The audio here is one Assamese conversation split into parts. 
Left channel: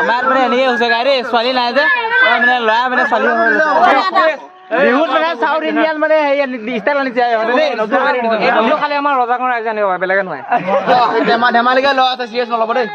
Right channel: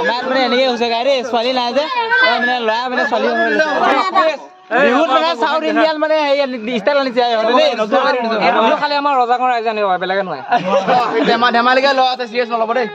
আমাৰ মানে এনেকৈ হৈছে গাড়ী ছোৱালী নাই যে মানে ল'ৰা মানে ছোৱালী বিহুত মানে চাউথ ইণ্ডিয়ান মানে ষ্টাইল আনিছে দেই খালি আমাৰ ৰজাগৰ ৰাইজে আনিব বেলেগে নহয় ধেমালিকে ল'ৰা আছে চিৰিয়াছ নল'ব দেই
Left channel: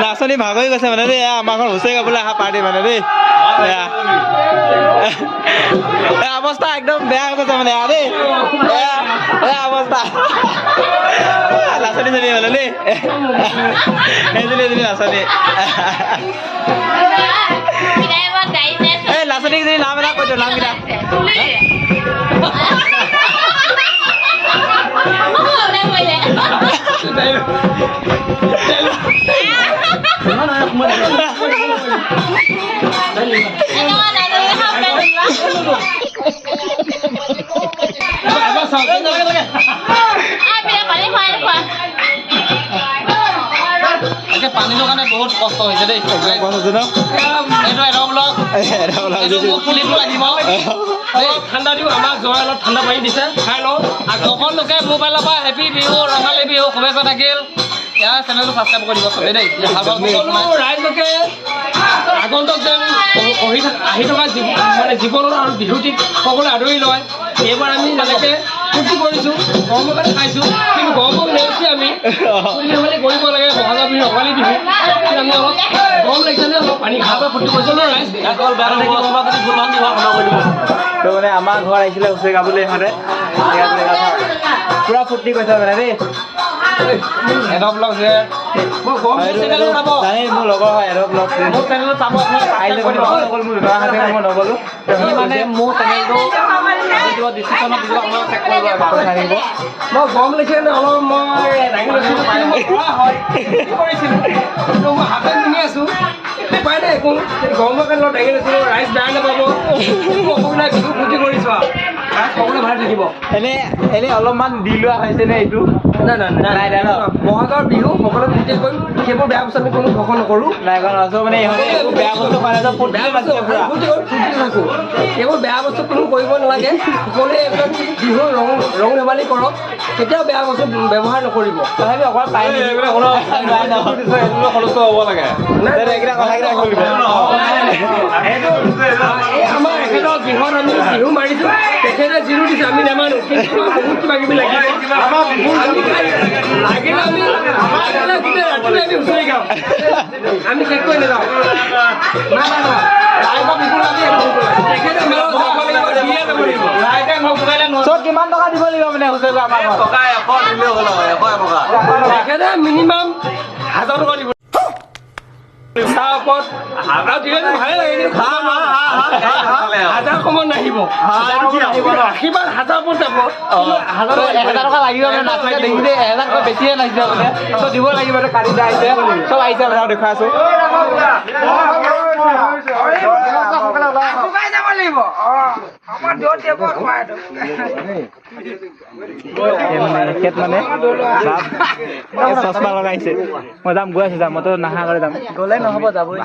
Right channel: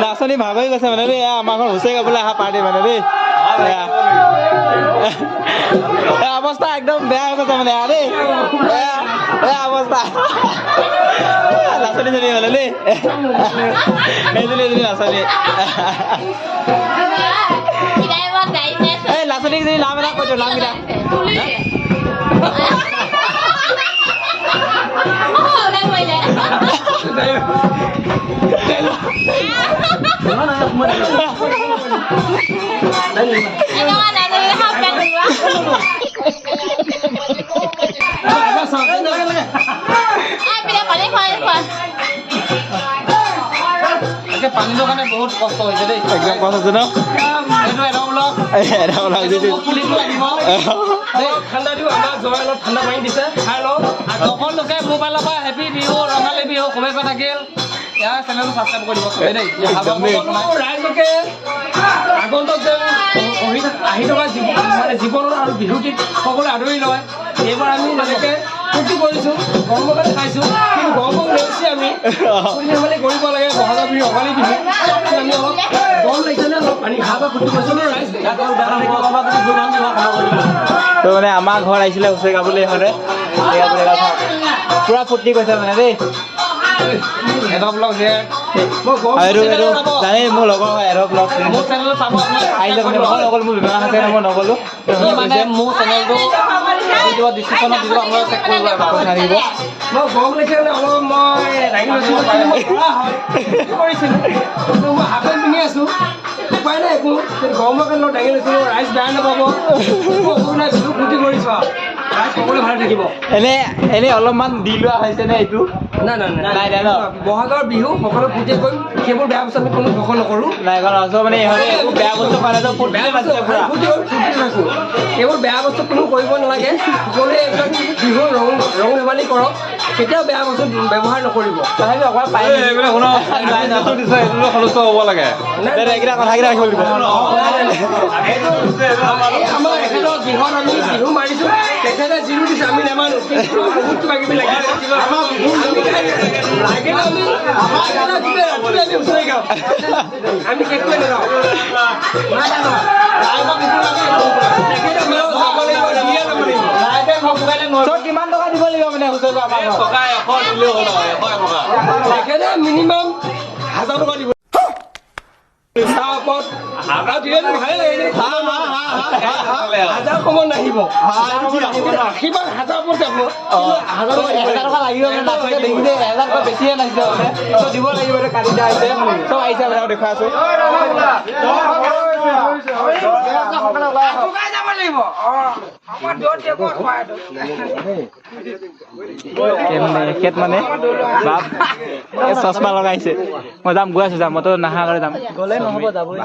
নাচনি ভাগ হৈ গৈছে মানে দেই আমাৰ ঘৰ হুঁচৰি গাবলৈ অহা পাৰ্টি মানে দেই অৱস্থা একদম বেয়া হৈ গৈছে মানে দেই অৱস্থা নাচনি জনী মানে দেই সেইজনী নাচনি এই নাচনী যদি নাম এটা কৈছো নামকেইটা পানীৰ কাৰণে বহুত কষ্ট হৈছে দেই ঠাণ্ডা দিওঁ আমাক জয় অলপ ঠাণ্ডা পানী দিছে খাই লওঁ আৰু সকলোকে মোবাইলৰ পৰা হেপী বিহু ৰঙালী বিহু শুভেচ্ছা থাকিল ইয়াৰ চেনেলটো ছাবস্ক্ৰাইব কৰি দিব চবেই দেই ৰাইজকে আগন্তুক যেন আহি থকা মানে জীৱনত আৰু বিহুটিক সকলোৱে আদৰি লয় এইবাৰ আমি যেনেকৈ ফূৰ্তি কৰিছোঁ গৰমৰ কাৰণে খাইছোঁ কিন্তু গৰমক নেওচি আমি ফূৰ্তি ধেমালি কৰিব লাগে বহাগৰ বিহু ৰঙালী বিহু আমি অলপ গৰম লাগিছেনে অলপ পানী খাব ফূৰ্তি কৰিছোঁ ন ৰাইজ অকল বেয়া লাগিব অলপ যদি জোৰমান দিব ক্ষমা কৰি দিব তো মানে আমাৰ ঘৰ আহিছিলে হুঁচৰি গাবলৈ ইহঁতে পুৰা ফূৰ্তি কৰিছে মানে দেই এটা ব্লগ যে মোৰ লগৰ হয় এটা ব্লগ মোৰ চেনেলটো চাব নগ'ল মোৰ ব্যৱহাৰ আছে মই নগ'লো মানে মোৰ চেনেলটো ডিছক্ৰিপশ্যনত দিব আপোনালোকে চেক কৰিব এবাৰ আহিব মই গৰম লাগিছিলে অলপ মই দাঙি লৈছিলোঁ হয় কৰিছিলোঁ কিন্তু মই হাফ পেণ্ট পিন্ধি আছোঁ উপায় নাই একো গৰমৰ কাৰণে অলপ দাঙি লৈছিলোঁ ৰাইজ বেয়া নাপাব অসুবিধা বিহু ফূৰ্তি কৰিছোঁ আৰু ৰাইজ সকলোৱে ভালে থাকিব এনেই অলপমান দি লোৱা হৈছেনে এইটো নাই বহাগৰ বিহু সকলোৱে ফূৰ্তি কৰিম সেইবোৰ বেয়া বস্তু আমি কোনো ঘোষণা নকৰোঁ নাই মানে বেয়া বস্তু কাৰণে ফূৰ্তি থাকোঁ এইবোৰ বেয়া বস্তু কোনো কৰিব নালাগে সকলোৱে এইবিলাক বিহুৰ ৰং ধেমালি কৰক কেতিয়াও বেয়া বস্তু ব্যৱহাৰ নকৰিব আমাৰ এখেতৰ গৃহত আমি বিহু মাৰিছোঁ তেখেতে জিৰো দিছে আমি নামানো বহুত কিবা কিবি লাগিলে আমি হুঁচৰি গাওঁ আমি চেক কৰি নাযাওঁ কিমান টকা দিব লাগিব মানে হুঁচৰি তেখেতে মিনিমাম 1000 টকা দিব তাৰ ওপৰত আৰু ভালে লাগে কিন্তু 1000 কমত নাহিব আশীৰ্বাদ 1000 ওপৰত যাব 1000 টকা লাগিব বেছিয়ে নাহিছে দিব লাগিব কালি আহিছে চব আহিছে দেখুৱাই আছো মানে চশমা লগাইছে মই যাম গৈ আছো যাম মইতো নাহা কৰি যাম গ'লে নহ'ব যাবই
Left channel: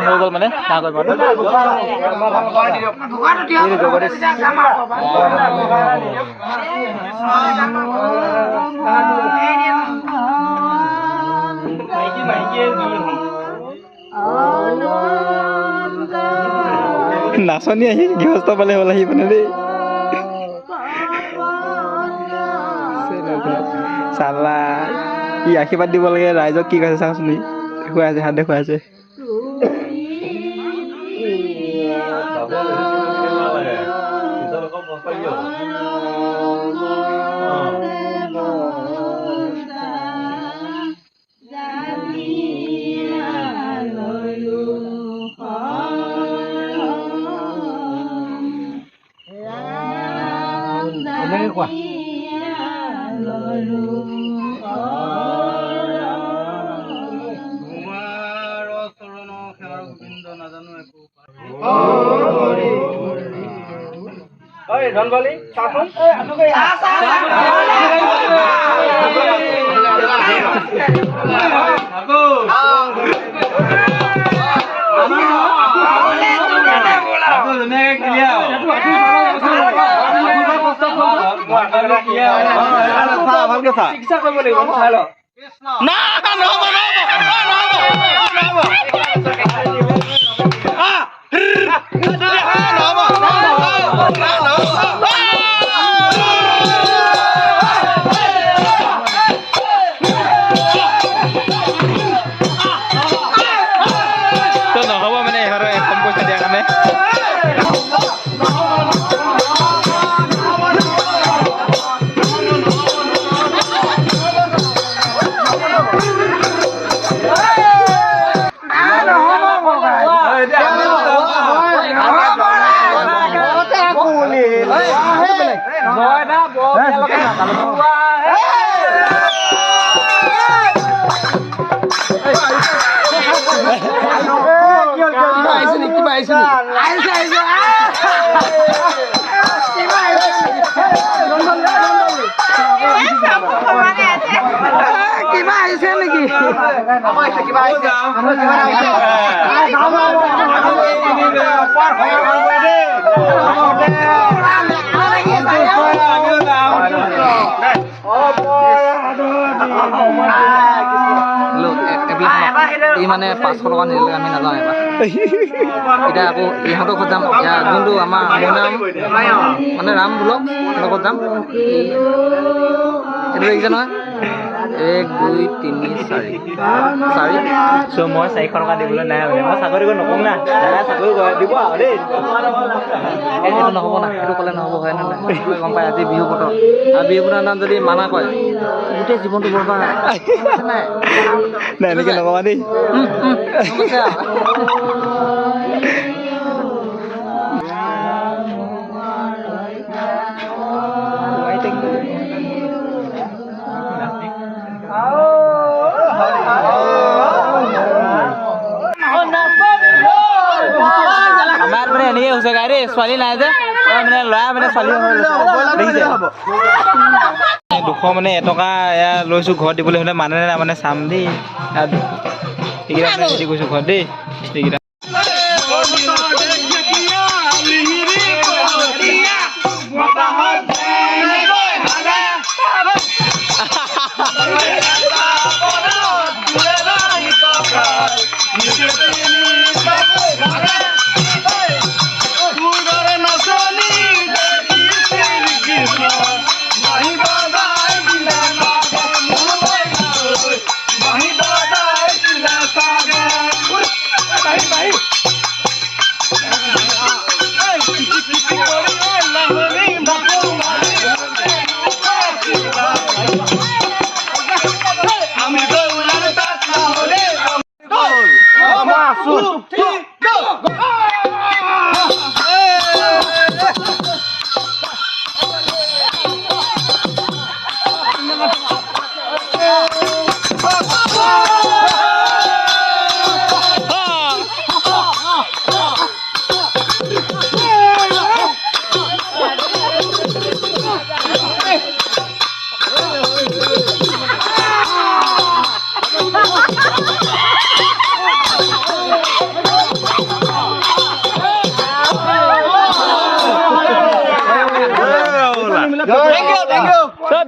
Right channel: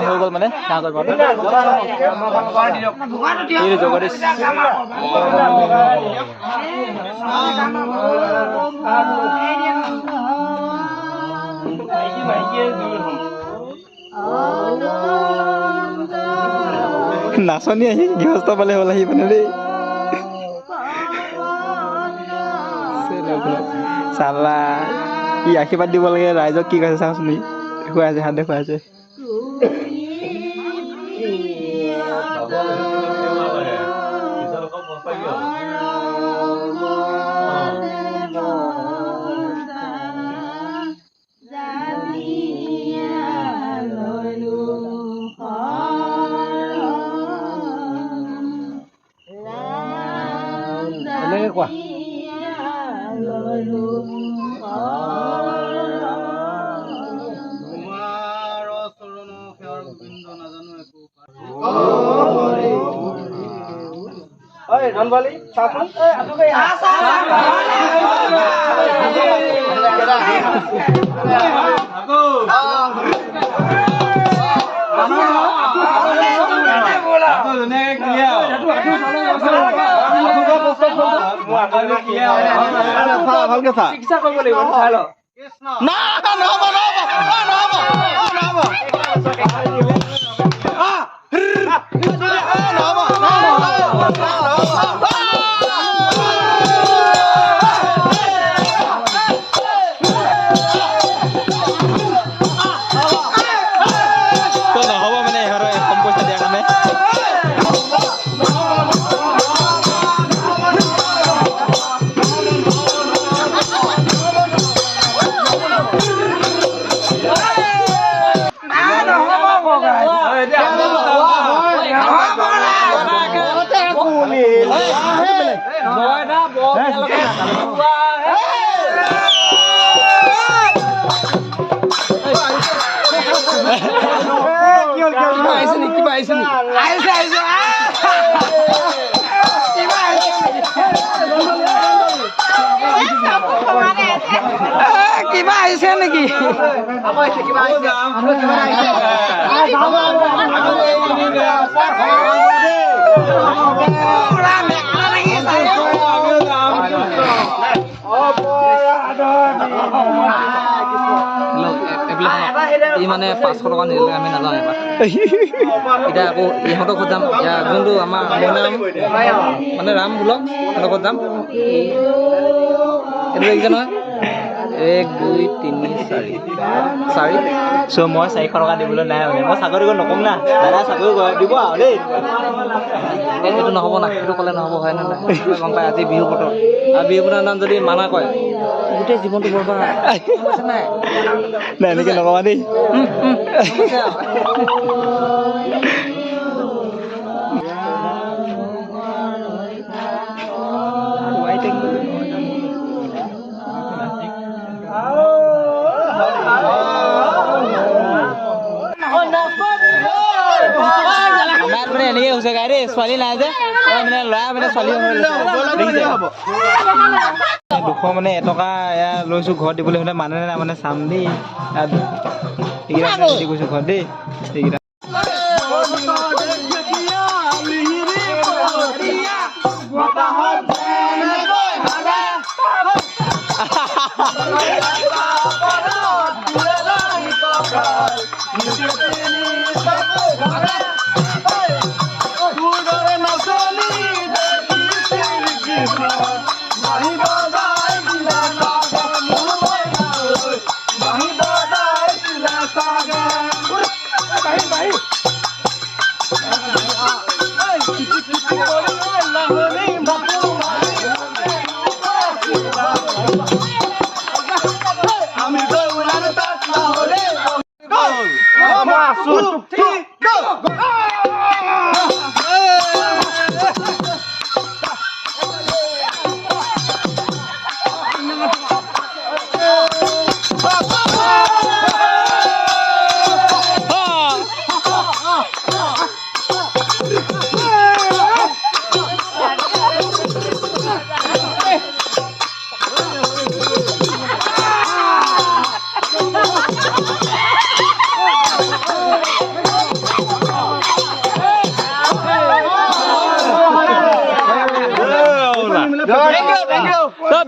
হৈ গ'ল মানে জগদীশ নাচনি আহি গৃহস্থ পালে হ'ল আহি মানে দেই চালা ই আশীৰ্বাদ দিব লাগে ৰাইজক কি কৈছে চাওঁচোন দেখুৱাই আছে হাত দেখুৱাই আছে কোৱা ধনবালি চাচোন ভালকে চিকিৎসা কৰিব নহ'ব মানে ইহঁতৰ কম পইচা দিয়াৰ কাৰণে কিবা আহিছে নেকি ই মানে 500 টকা নিদিলে আমি নাযাওঁ এবাৰ এতিয়া আকৌ ইহঁতৰ ঘৰত যাম এতিয়া যোনটো আমাৰ নাম মানে ৰাম ব্লগ সিহঁতৰ ঘৰত যাম এইটো দেখিছে নহয় 1 2 3 4 চ' মই 400 টকা দিবলৈ নাই মানে মই চাকৰি কৰি নকওঁ না দাদা চাকৰি কৰে দিব আৰু দেই এইটো নহ'ব না সেইটো ক'লে নহ'ব হয় নে নাই গম পাই আজি বিহু বতৰ আৰু বিহু বতৰৰ নাম যদি মানা কয় গোটেই জীৱনটো বৰবাদ নাই এনেকৈ নকবা দেই মানে এনেকৈ হৈছে গাই দেই ছোৱালী নাই যে মানে ল'ৰা মানে ছোৱালী 200 মানে 1 টকা এয়া লৈছোঁ ঘৰত দিবলৈ হ'লে মানে নাই মানে চাম দেই এইকেইটা মানে ৰেডি কৰিছোঁ ঘৰত দেই এইকেইটা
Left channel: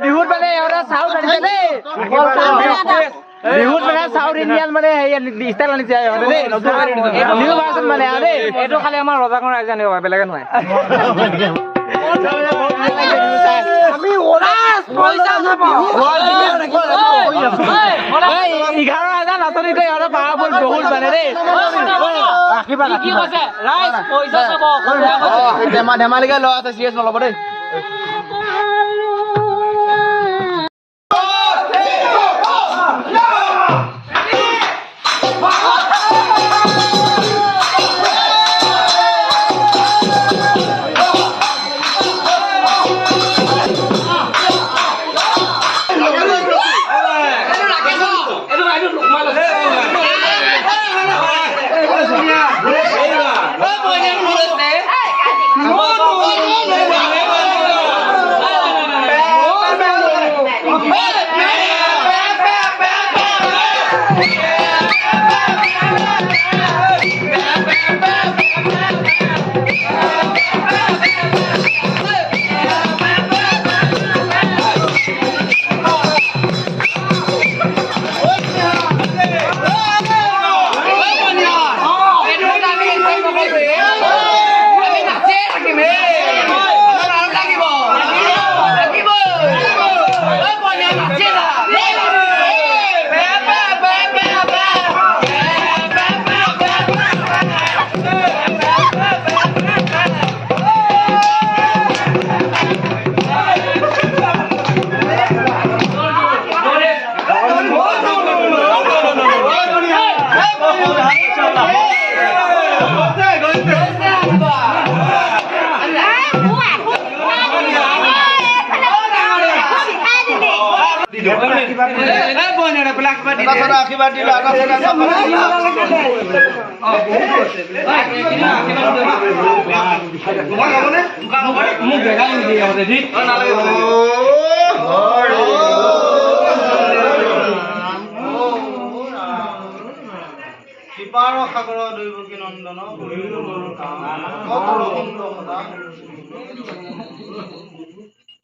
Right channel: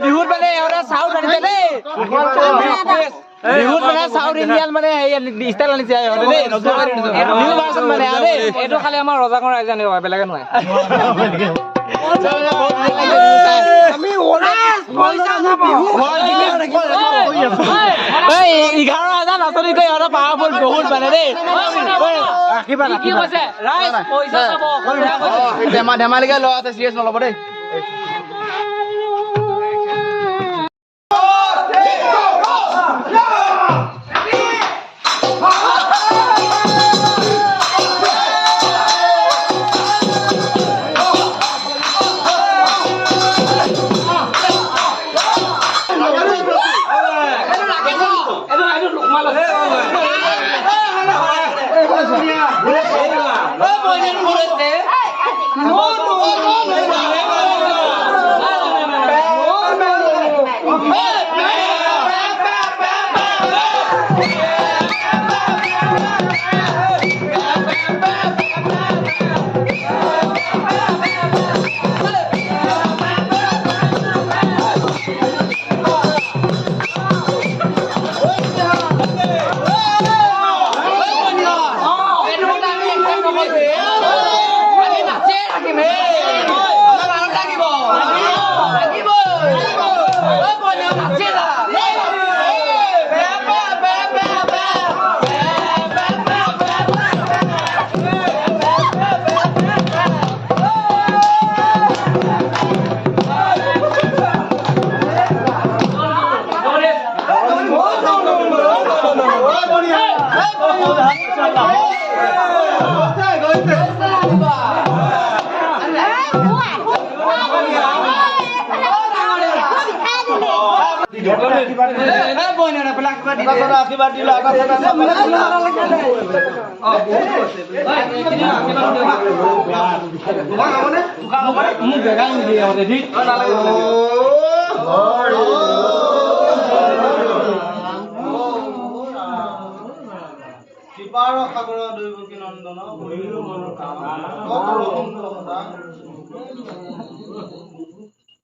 বিহুত মানে এওঁটা চাউথ আনিছে দেই বিহুত মানে সাউথ ইন্ডিয়ান মানে ষ্টাইল আনিছে ইহঁতে দেই নিউ ভাৰ্চন মানে দেই এইটো খালি আমাৰ ৰজাগণ ৰাইজে আনিব বেলেগে নহয় ধেমালিকে লোৱা আছে চিৰিয়াছ নল'ব দেই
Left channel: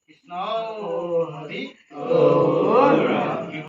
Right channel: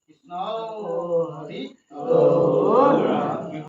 Krishna